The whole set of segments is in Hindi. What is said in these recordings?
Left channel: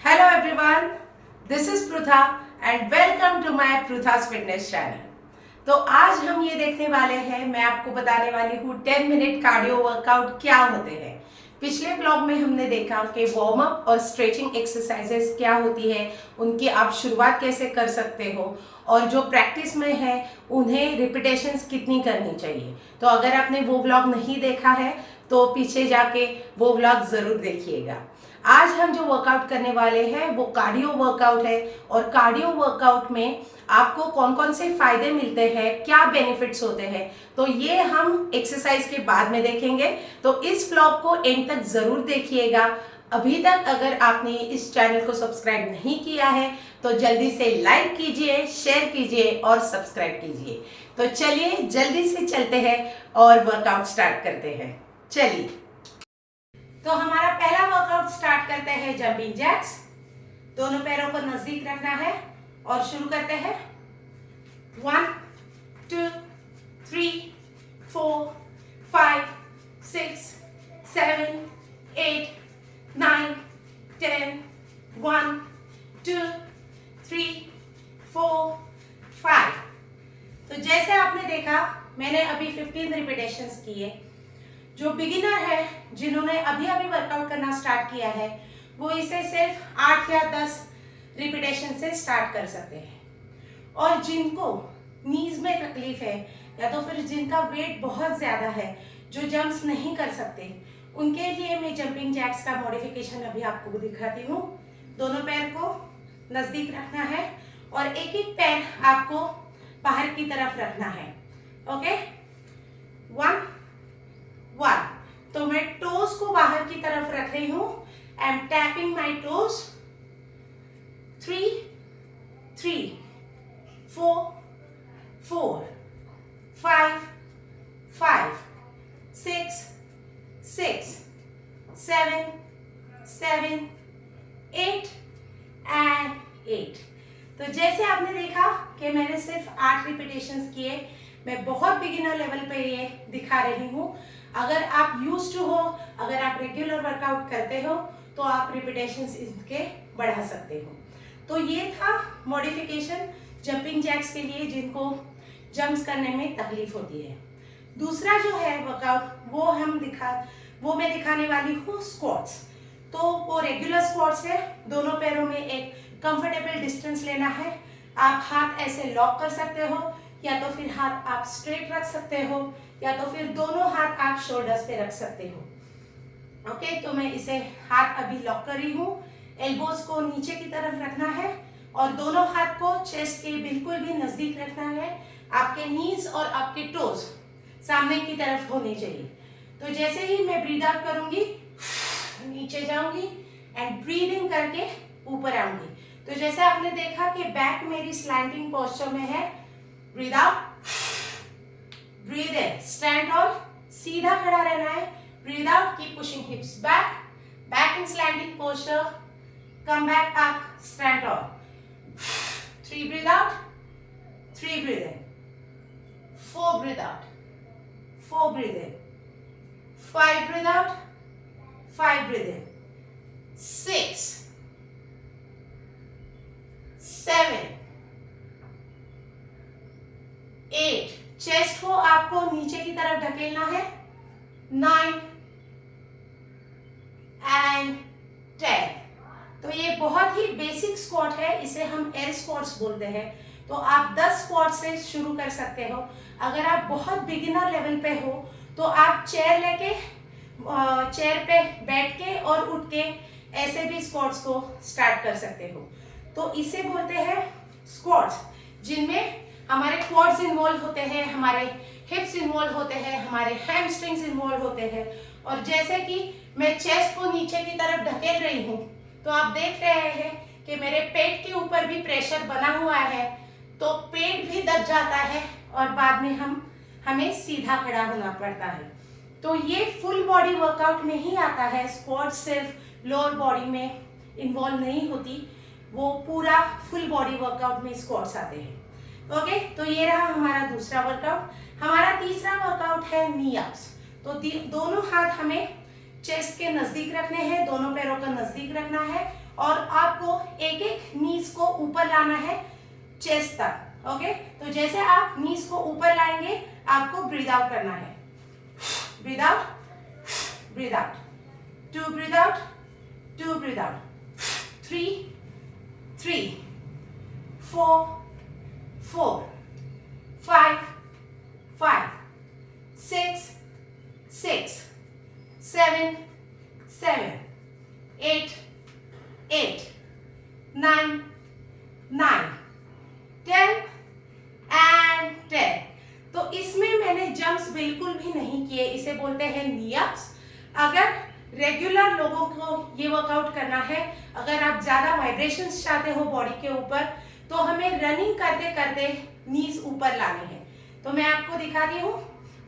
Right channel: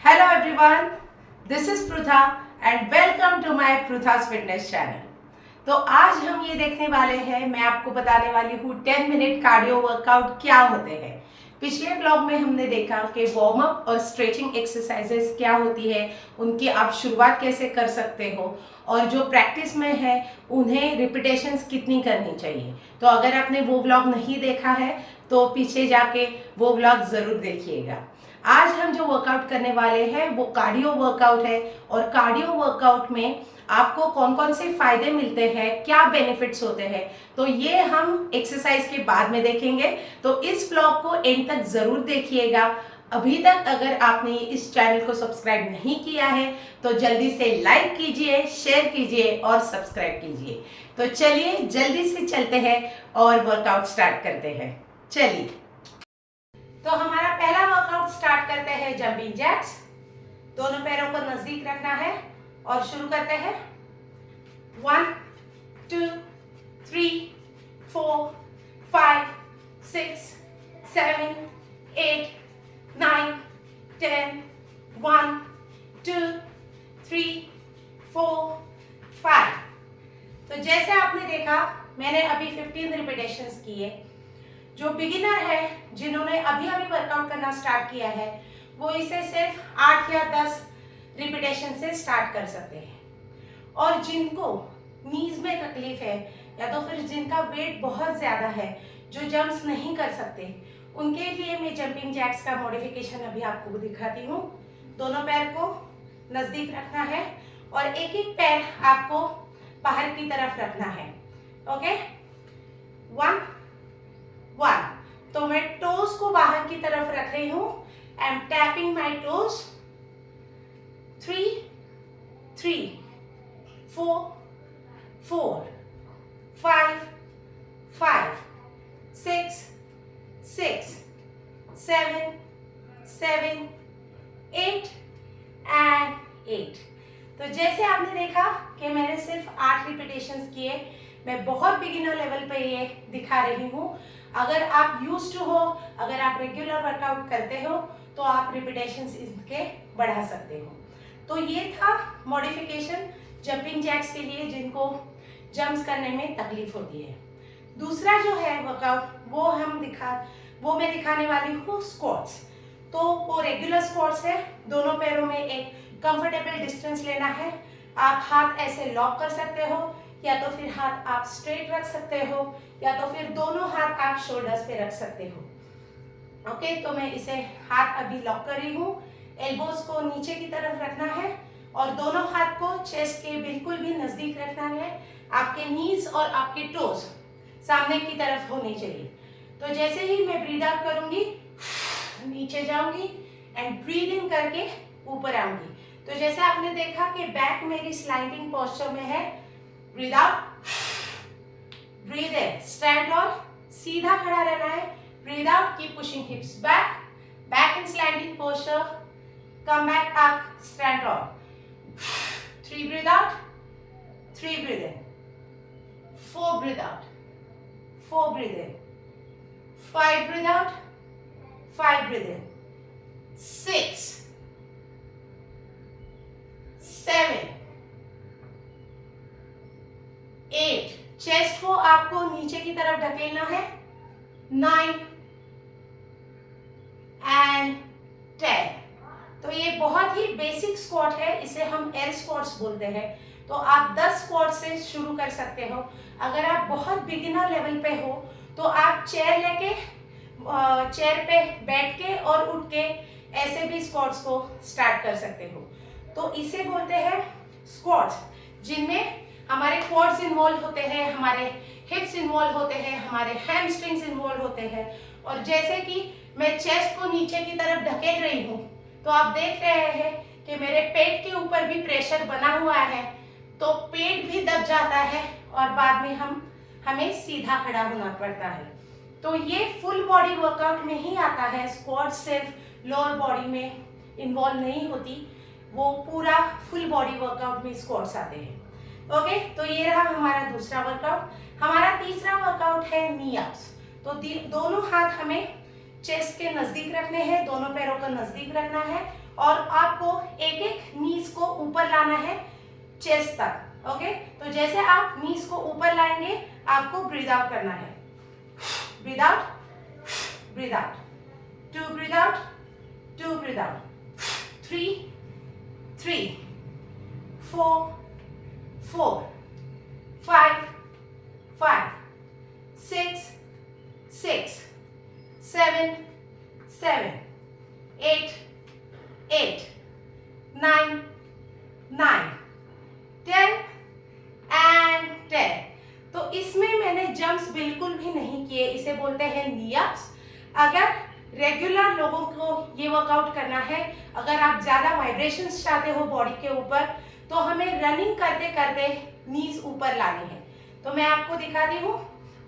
Hello everyone, this is Prutha and welcome to my Prutha's Fitness channel। तो आज हम ये देखने वाले हैं, मैं आपको बताने वाली हूँ 10 मिनट कार्डियो वर्कआउट क्या होते हैं। पिछले ब्लॉग में हमने देखा कि वार्म अप और स्ट्रेचिंग एक्सरसाइजेस क्या होती है, उनकी आप शुरुआत कैसे कर सकते हो और जो प्रैक्टिस में है उन्हें रिपीटेशंस कितनी करनी चाहिए। तो अगर आपने वो व्लॉग नहीं देखा है तो पीछे जाके वो व्लॉग ज़रूर देखिएगा। आज हम जो वर्कआउट करने वाले हैं वो कार्डियो वर्कआउट है और कार्डियो वर्कआउट में आपको कौन कौन से फायदे मिलते हैं, क्या बेनिफिट्स होते हैं, तो ये हम एक्सरसाइज के बाद में देखेंगे। तो इस ब्लॉग को एंड तक जरूर देखिएगा। अभी तक अगर आपने इस चैनल को सब्सक्राइब नहीं किया है तो जल्दी से लाइक कीजिए, शेयर कीजिए और सब्सक्राइब कीजिए। तो चलिए जल्दी से चलते हैं और वर्कआउट स्टार्ट करते हैं। चलिए, तो हमारा पहला वर्कआउट स्टार्ट करते हैं जंपिंग जैक्स। दोनों पैरों को नजदीक रखना है और शुरू करते हैं। 1 2 3 4 5 6 7 8 9 10 1 2 3 4 5। तो जैसे आपने देखा मैंने अभी 15 रिपीटेशंस किए। जो बिगिनर है, जिन्होंने अभी अभी वर्कआउट करना स्टार्ट किया है, वो इसे सिर्फ 8 या 10 रिपीटेशन से स्टार्ट कर सकते हैं। और जिनको नीज में तकलीफ है या तो फिर जिनका वेट बहुत ज़्यादा है, जो जंप्स नहीं कर सकते, उनके लिए मैं जंपिंग जैक्स का मॉडिफिकेशन अभी आपको दिखाती हूँ। दोनों पैर को नज़दीक रखना है और एक एक पैर आपको बाहर की तरफ रखना है। ओके, 1 तो मैं टोज को बाहर की तरफ रख रही हूं। I am tapping my toes. 3 3 4 4 5 5 6 6 7 7 8 and 8। तो जैसे आपने देखा कि मैंने सिर्फ 8 रिपीटेशंस किए। मैं बहुत बिगिनर लेवल पे ये दिखा रही हूँ। अगर आप यूज टू हो, अगर आप रेगुलर वर्कआउट करते हो तो आप रिपीटेशंस इसके बढ़ा सकते हो। तो ये था मॉडिफिकेशन जंपिंग जैक्स के लिए जिनको जंप्स करने में तकलीफ होती है। दूसरा जो है वर्कआउट वो मैं दिखाने वाली हूँ स्क्वाट्स। तो वो रेगुलर स्क्वाट्स है। दोनों पैरों में एक कंफर्टेबल डिस्टेंस लेना है। आप हाथ ऐसे लॉक कर सकते हो या तो फिर हाथ आप स्ट्रेट रख सकते हो या तो फिर दोनों हाथ आप शोल्डर्स पे रख सकते हो। ओके, तो मैं इसे हाथ अभी लॉक कर रही हूँ। एल्बोज को नीचे की तरफ रखना है और दोनों हाथ को चेस्ट के बिल्कुल भी नजदीक रखना है। आपके नीज और आपके टोज सामने की तरफ होने चाहिए। तो जैसे ही मैं ब्रीद आउट करूंगी, नीचे जाऊंगी एंड ब्रीद इन करके ऊपर आऊंगी। तो जैसे आपने देखा कि बैक मेरी स्लैंडिंग पोस्चर में है। Breathe out, breathe in, stand on, सीधा खड़ा रहना है। Breathe out, keep pushing हिप्स back, back in slanting posture, come back up, stand on. 3 breathe out, 3 breathe in, 4 breathe out, 4 breathe in, 5 breathe out, 5 breathe in, 6 7 8। Chest को आपको नीचे की तरफ ढकेलना है। 9 एंड 10। तो ये बहुत ही बेसिक स्क्वाट है, इसे हम एयर स्क्वाट्स बोलते हैं। तो आप 10 स्क्वाट से शुरू कर सकते हो। अगर आप बहुत बिगिनर लेवल पे हो तो आप चेयर पे बैठ के और उठ के ऐसे भी स्क्वाट्स को स्टार्ट कर सकते हो। तो इसे बोलते हैं स्क्वाट्स, जिनमें हमारे क्वाड्स इन्वॉल्व होते हैं, हमारे हिप्स इन्वॉल्व होते हैं, हमारे हैमस्ट्रिंग्स इन्वॉल्व होते हैं। और जैसे कि मैं चेस्ट को नीचे की तरफ ढकेल रही हूँ तो आप देख रहे हैं कि मेरे पेट के ऊपर भी प्रेशर बना हुआ है, तो पेट भी दब जाता है और बाद में हमें सीधा खड़ा होना पड़ता है। तो ये फुल बॉडी वर्कआउट में ही आता है। स्क्वाट सिर्फ लोअर बॉडी में इन्वॉल्व नहीं होती, वो पूरा फुल बॉडी वर्कआउट में स्क्वाट्स आते हैं। ओके, तो ये रहा हमारा दूसरा वर्कआउट। हमारा तीसरा वर्कआउट है नी अप्स। तो दोनों हाथ हमें चेस्ट के नजदीक रखने हैं, दोनों पैरों को नजदीक रखना है और आपको एक एक नीज को ऊपर लाना है चेस्ट तक। ओके, तो जैसे आप नीज को ऊपर लाएंगे आपको ब्रीद आउट करना है। Breathe out, breathe out, 2 breathe out, 2 breathe out, 3 3 4 4 5 5 6 6 7 7 8 8 9 9 10 and 10। तो इसमें मैंने जंप्स बिल्कुल भी नहीं किए, इसे बोलते हैं नी अप्स। अगर रेगुलर लोगों को ये वर्कआउट करना है, अगर आप ज़्यादा वाइब्रेशंस चाहते हो बॉडी के ऊपर, तो हमें रनिंग करते करते नीज ऊपर लानी है। तो मैं आपको दिखाती हूँ,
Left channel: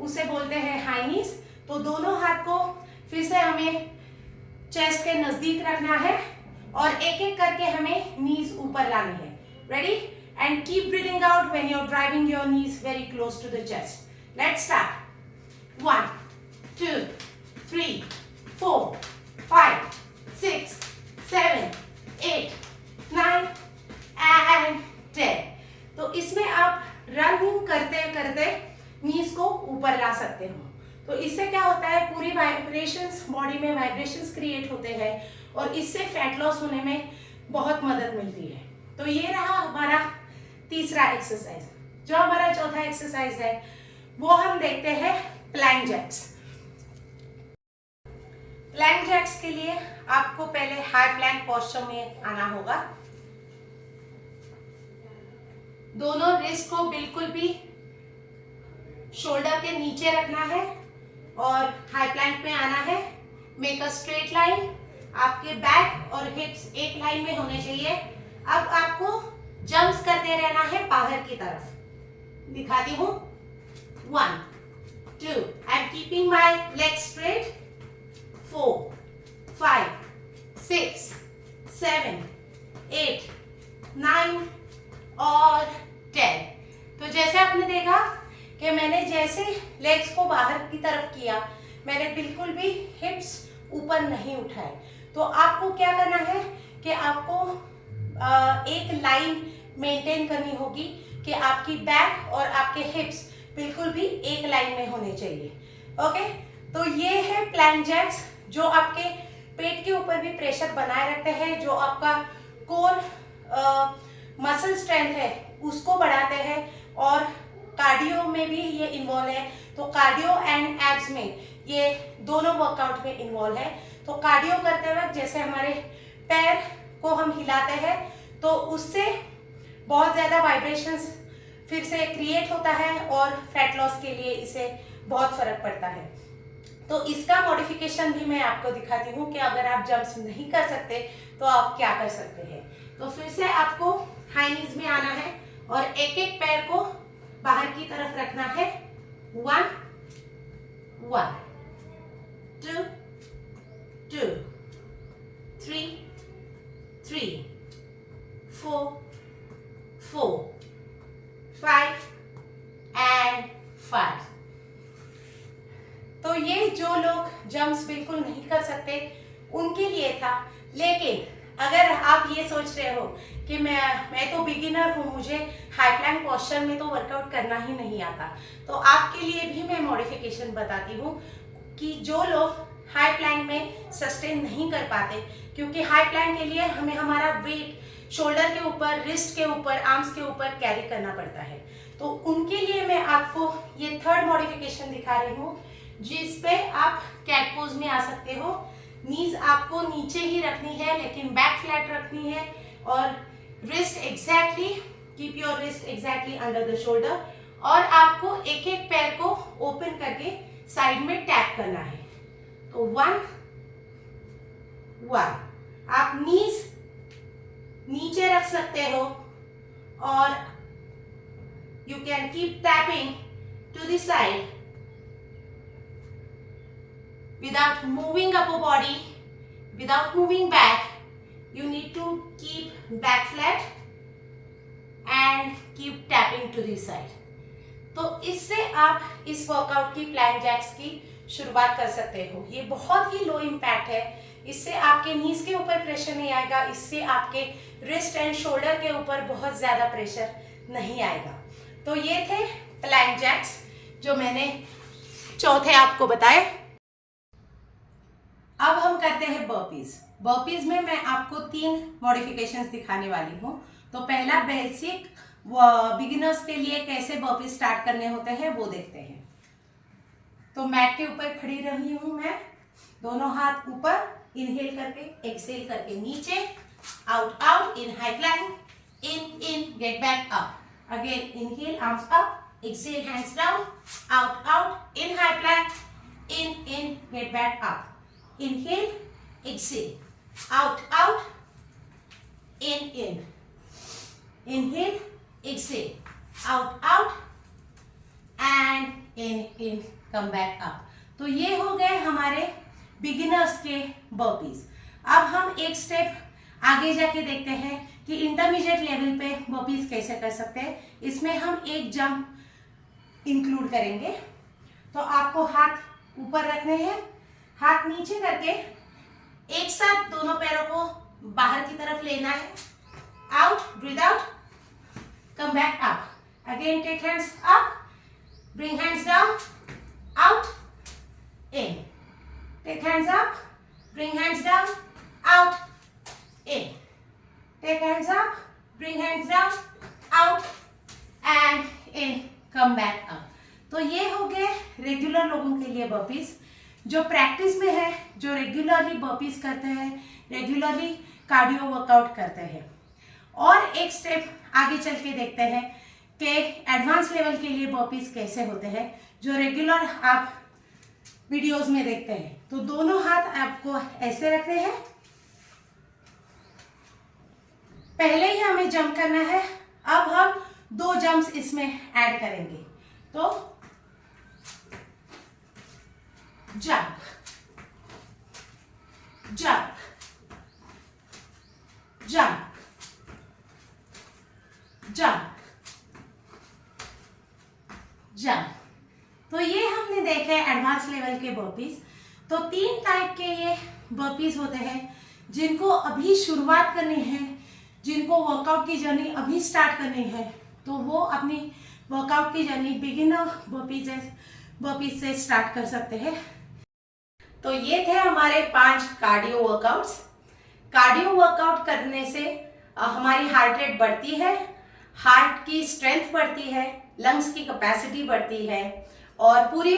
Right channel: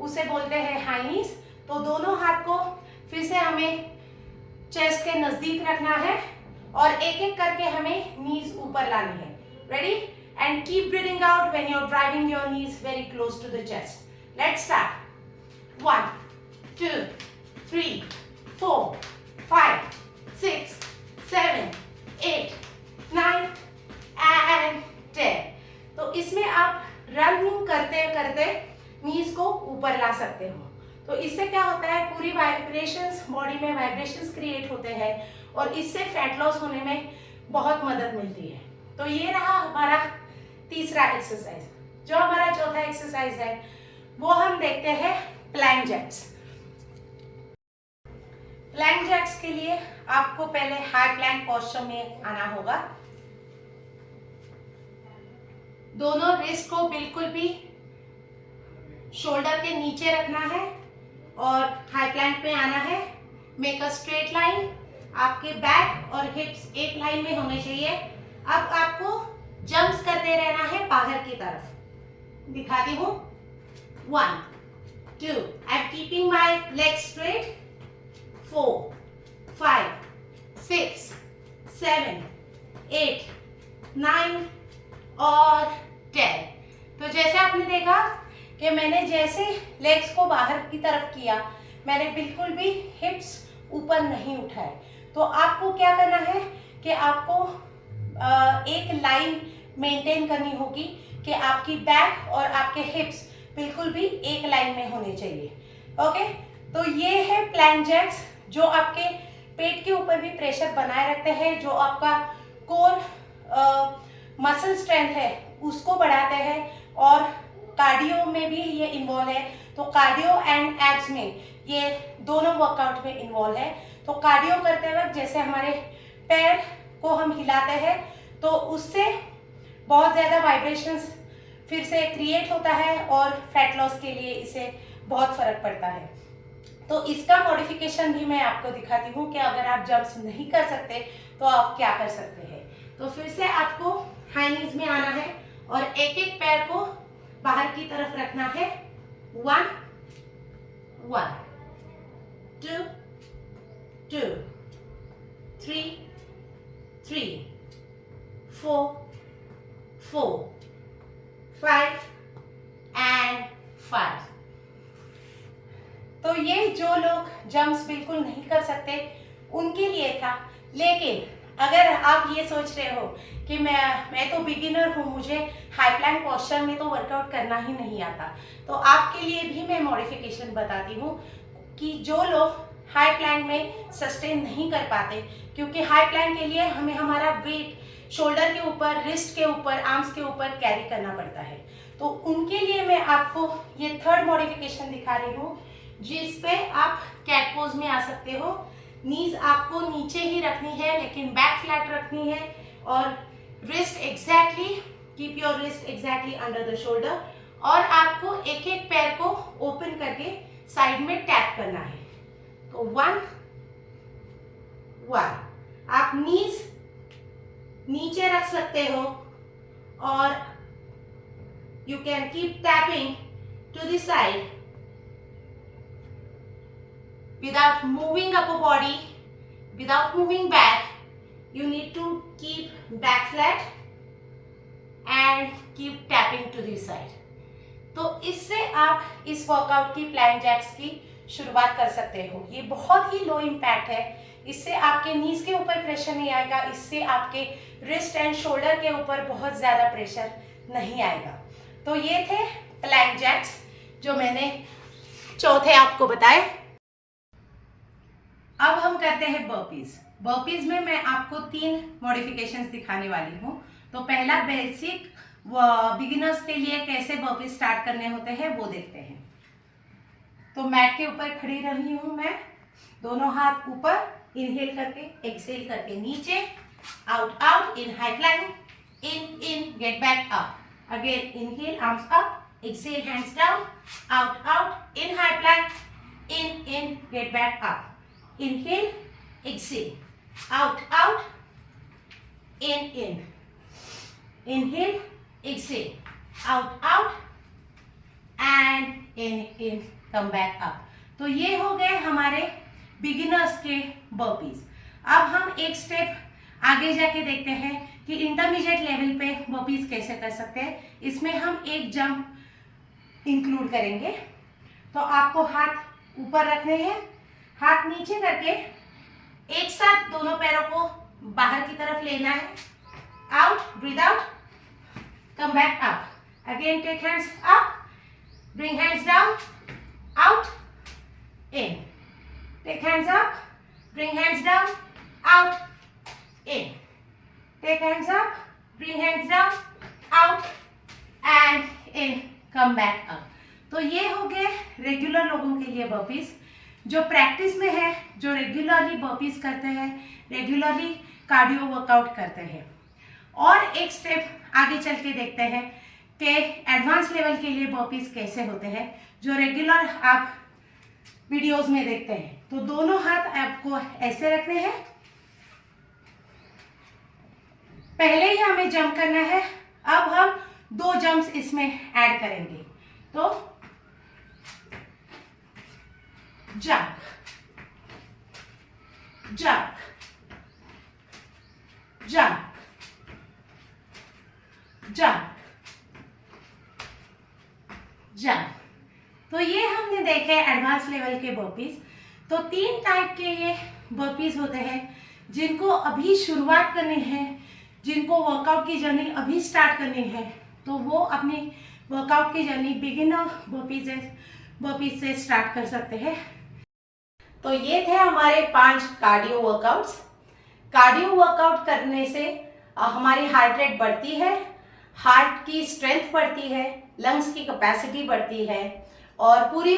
उसे बोलते हैं हाई नीज। तो दोनों हाथ को फिर से हमें चेस्ट के नज़दीक रखना है और एक एक करके हमें नीज ऊपर लानी है। Ready? And keep breathing out when you're driving your knees very close to the chest. Let's start. 1 2 3 4 5 6 7 8 9 and 10। तो इसमें आप रनिंग करते करते नीज को ऊपर ला सकते हो। तो इससे क्या होता है, पूरी वाइब्रेशंस, बॉडी में वाइब्रेशंस क्रिएट होते हैं और इससे फैट लॉस होने में बहुत मदद मिलती है। तो ये रहा हमारा तीसरा एक्सरसाइज। जो हमारा चौथा एक्सरसाइज है वो हम देखते हैं प्लैंक जैक्स। प्लैंक जैक्स के लिए आपको पहले हाई प्लैंक पोस्चर में आना होगा। दोनों रिस्ट को बिल्कुल भी शोल्डर के नीचे रखना है और हाई प्लैंक में आना है। मेक अ स्ट्रेट लाइन, आपके बैक और हिप्स एक लाइन में होने चाहिए। अब आपको जंप्स करते रहना है बाहर की तरफ। दिखाती हूँ, 1 2, I am keeping my leg straight, 4 5 6 7 8 9 और 10। तो जैसे आपने देखा कि मैंने जैसे लेग्स को बाहर की तरफ किया, मैंने बिल्कुल भी हिप्स ऊपर नहीं उठाए। तो आपको क्या करना है कि आपको एक लाइन मेंटेन करनी होगी कि आपकी बैक और आपके हिप्स बिल्कुल भी एक लाइन में होने चाहिए। ओके, तो ये है प्लैंक जैक्स, जो आपके पेट के ऊपर भी प्रेशर बनाए रखते हैं, जो आपका कोर मसल स्ट्रेंथ है उसको बढ़ाते हैं और कार्डियो में भी ये इन्वॉल्व है। तो कार्डियो एंड एब्स में ये दोनों वर्कआउट में इन्वॉल्व है। तो कार्डियो करते वक्त जैसे हमारे पैर को हम हिलाते हैं तो उससे बहुत ज़्यादा वाइब्रेशंस फिर से क्रिएट होता है और फैट लॉस के लिए इसे बहुत फर्क पड़ता है। तो इसका मॉडिफिकेशन भी मैं आपको दिखाती हूँ कि अगर आप जंप्स नहीं कर सकते तो आप क्या कर सकते हैं। तो फिर से आपको हाई नीज में आना है और एक एक पैर को बाहर की तरफ रखना है। 1 1 2 2 3 3 4 4 5 एंड 5। तो ये जो लोग जंप्स बिल्कुल नहीं कर सकते उनके लिए था। लेकिन अगर आप ये सोच रहे हो कि मैं तो बिगिनर हूँ, मुझे हाई प्लैंक पोस्चर में तो वर्कआउट करना ही नहीं आता, तो आपके लिए भी मैं मॉडिफिकेशन बताती हूँ कि जो लोग हाई प्लैंक में सस्टेन नहीं कर पाते, क्योंकि हाई प्लैंक के लिए हमें हमारा वेट शोल्डर के ऊपर, रिस्ट के ऊपर, आर्म्स के ऊपर कैरी करना पड़ता है। तो उनके लिए मैं आपको ये थर्ड मॉडिफिकेशन दिखा रही हूँ, जिस पे आप कैट पोज में आ सकते हो। नीज आपको नीचे ही रखनी है लेकिन बैक फ्लैट रखनी है और wrist exactly, keep your wrist exactly under the shoulder और आपको एक एक पैर को ओपन करके साइड में टैप करना है। तो 1 1, आप नीज नीचे रख सकते हो और you can keep tapping to the side without moving upper body, without moving back. You need to keep back flat and keep tapping to the side. तो इससे आप इस वर्कआउट की प्लैंक जैक्स की शुरुआत कर सकते हो। ये बहुत ही लो इम्पैक्ट है, इससे आपके नीज के ऊपर प्रेशर नहीं आएगा, इससे आपके रिस्ट एंड शोल्डर के ऊपर बहुत ज़्यादा प्रेशर नहीं आएगा। तो ये थे प्लैंक जैक्स जो मैंने चौथे आपको बताए। अब हम करते हैं बर्पीज। बर्पीज में मैं आपको 3 मॉडिफिकेशंस दिखाने वाली हूँ। तो पहला बेसिक बिगिनर्स के लिए कैसे बर्पीज स्टार्ट करने होते हैं वो देखते हैं। तो मैट के ऊपर खड़ी रही हूँ मैं, दोनों हाथ ऊपर, इनहेल करके एक्सहेल करके नीचे, out out, in high Planck, in get back up, again inhale arms up, exhale hands down, out out, in high Planck, in get back up, inhale, exhale, out out, in, inhale, exhale, out out, and in, come back up। तो ये हो गए हमारे बिगिनर्स के बर्पीज। अब हम एक स्टेप आगे जाके देखते हैं कि इंटरमीडिएट लेवल पे बर्पीज कैसे कर सकते हैं। इसमें हम एक जंप इंक्लूड करेंगे। तो आपको हाथ ऊपर रखने हैं, हाथ नीचे करके एक साथ दोनों पैरों को बाहर की तरफ लेना है। Out, breath out, come back up, again take hands up, bring hands down, out, in, take hands up, bring hands down, out, in, take hands up, bring hands down, out and in, come back up. तो ये हो गए रेगुलर लोगों के लिए बर्पीज। जो प्रैक्टिस में है, जो रेगुलरली बर्पीज करते हैं, रेगुलरली कार्डियो वर्कआउट करते हैं। और एक स्टेप आगे चल के देखते हैं कि एडवांस लेवल के लिए बर्पीज कैसे होते हैं, जो रेगुलर आप वीडियोस में देखते हैं। तो दोनों हाथ आपको ऐसे रखने हैं, पहले ही हमें जंप करना है। अब हम 2 जंप्स इसमें ऐड करेंगे। तो jump, jump, jump, jump, jump. तो ये हमने देखे एडवांस लेवल के बर्पीज। तो 3 टाइप के ये बर्पीज होते हैं जिनको अभी शुरुआत करनी है, जिनको वर्कआउट की जर्नी अभी स्टार्ट करनी है, तो वो अपनी वर्कआउट की जर्नी बिगिनर बर्पीज से स्टार्ट कर सकते हैं। तो ये थे हमारे 5 कार्डियो वर्कआउट्स। कार्डियो वर्कआउट करने से हमारी हार्ट रेट बढ़ती है, हार्ट की स्ट्रेंथ बढ़ती है, लंग्स की कैपेसिटी बढ़ती है और पूरी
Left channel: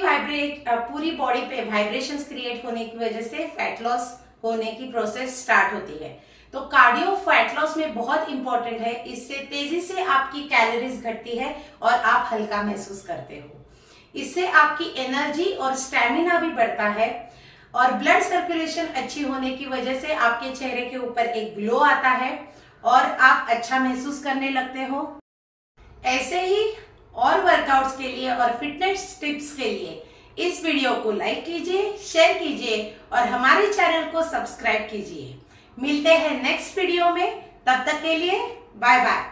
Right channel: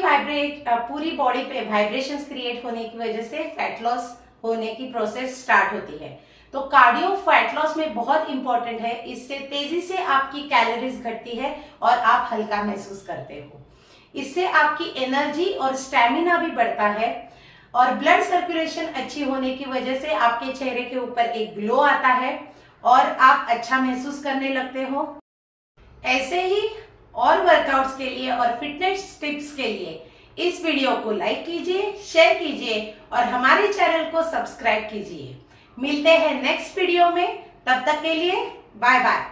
बॉडी पे वाइब्रेशंस क्रिएट होने की वजह से फैट लॉस होने की प्रोसेस स्टार्ट होती है। तो कार्डियो फैट लॉस में बहुत इंपॉर्टेंट है। इससे तेजी से आपकी कैलोरीज घटती है और आप हल्का महसूस करते हो। इससे आपकी एनर्जी और स्टैमिना भी बढ़ता है और ब्लड सर्कुलेशन अच्छी होने की वजह से आपके चेहरे के ऊपर एक ग्लो आता है और आप अच्छा महसूस करने लगते हो। ऐसे ही और वर्कआउट्स के लिए और फिटनेस टिप्स के लिए इस वीडियो को लाइक कीजिए, शेयर कीजिए और हमारे चैनल को सब्सक्राइब कीजिए। मिलते हैं नेक्स्ट वीडियो में, तब तक के लिए बाय बाय।